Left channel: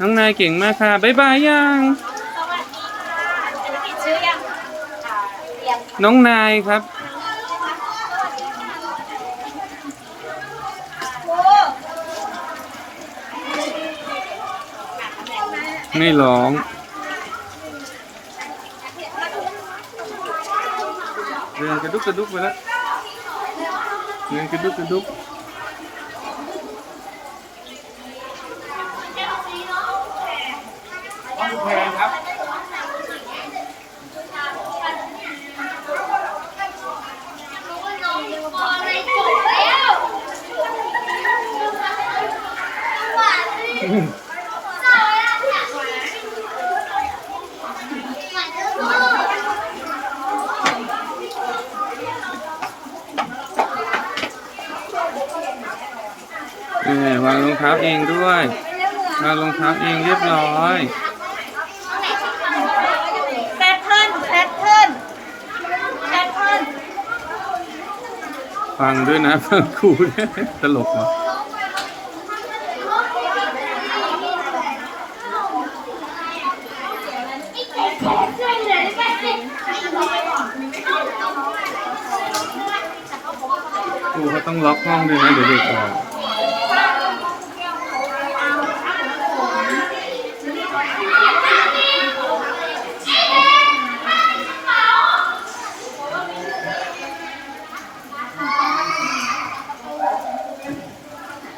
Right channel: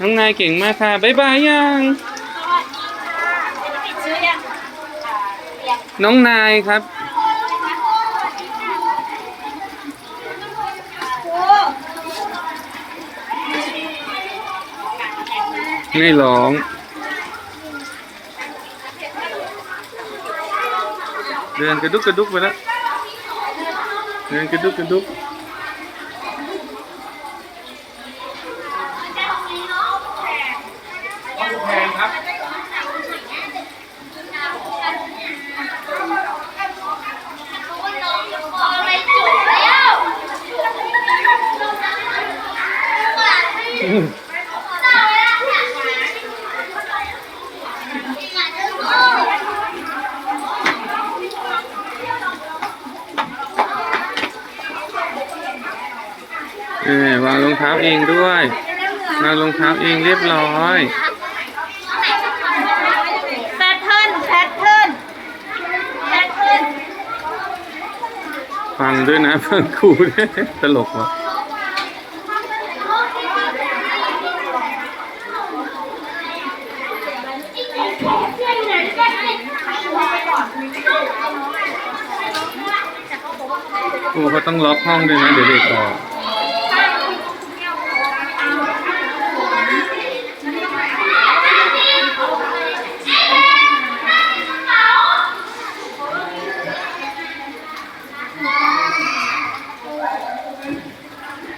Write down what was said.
น้องนายเก่งมากค่ะบ๊ายบายยังชื่อยังเรียงน้องนายครับไม่ร้องเดินกระดุกกระดุกไปแล้วเดินกระดุกกระดุก แพงครับวางรองเท้าเองด้วยวางรองเท้าเองเรียบร้อย แพทเทิร์นแพทเทิร์นแพทเทิร์น ฟังด้วยนะฟังครูด้วยตลกว่ะครูเขาต้องล็อกห้องด้วยนะเดี๋ยวเด็กออก